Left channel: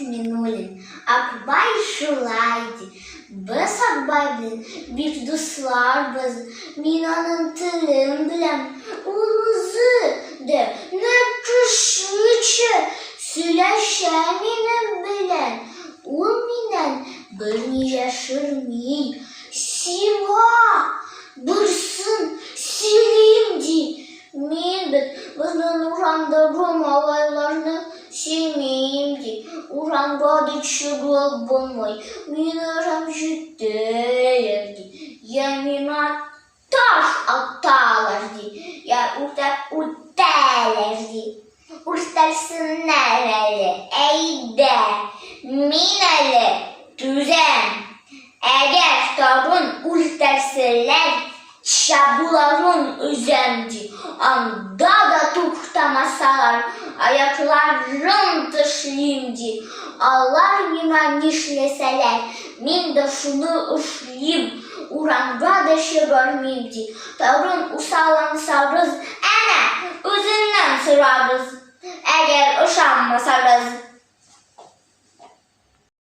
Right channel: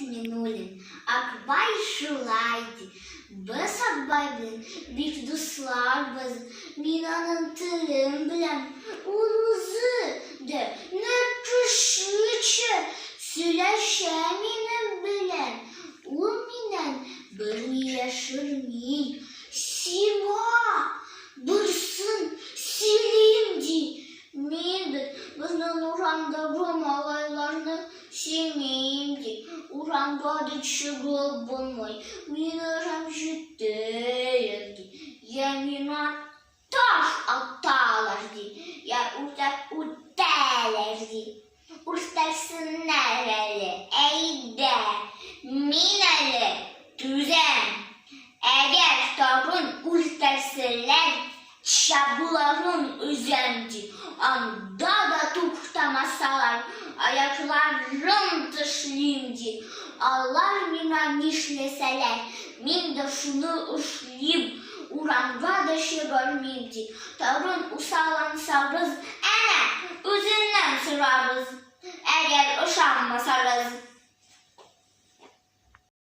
minulin, akbay şulaydı. Biz akbay bilen bir dostlar biz, minanın tılım bilen uluzu de ne kışlıçı süleşeminin bilen. O minen beni yaşırmay, siva bursın sileyimdi. Min bizden uğramda Rum alaylarını silmeyimdi. Uğramda da çıgıl bulmay, min uğram jütteyimdi. Yemina taş atalardı, ya utelerdi. Ustarsın nereli, eyde, mineli, düzen. Eğer tabun ustarsılar, şabuların üzendi. Anda da tuhtamasalar, ayaklarım taşıyımdı. Allah mina nişleseler, min de şunu üşleyim, uğramda da şey görmeyimdi. Tavrın usalansa biz, ene, üzünden sırarız. Eğer uşanmasanız